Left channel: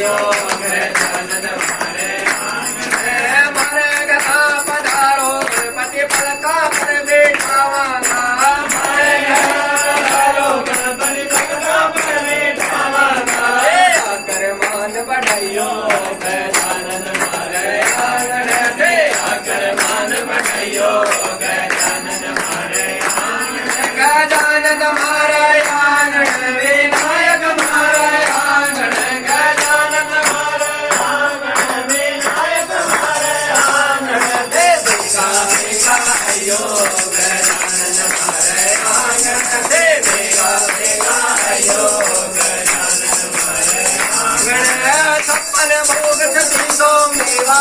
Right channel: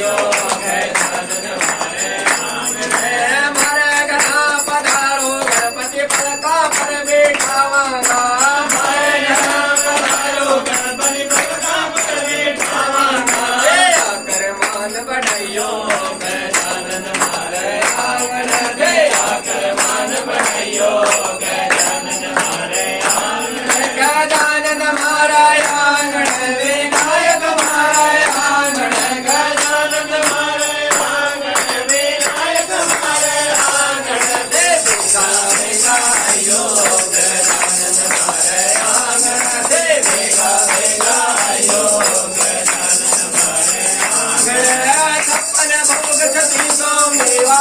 बढ़ाइयो गजानन मारे आंगणे मारे गधा पधारो गणपति पलका पर बैठावांगा मारे गधा पधारो गणपति पलका पर बैठावांगा आकर मान बढ़ाइयो गजानन मारे आंगणे आकर मान बढ़ाइयो गजानन मारे आंगणे गजानन मारे आंगणे विनायक मारे आंगणे गजानन मारे आंगणे विनायक मारे आंगणे देविका देविका आयो गजानन मारे आंगणे देविका देविका आयो गजानन मारे आंगणे छप्पन भोग छत्तीसों मेवा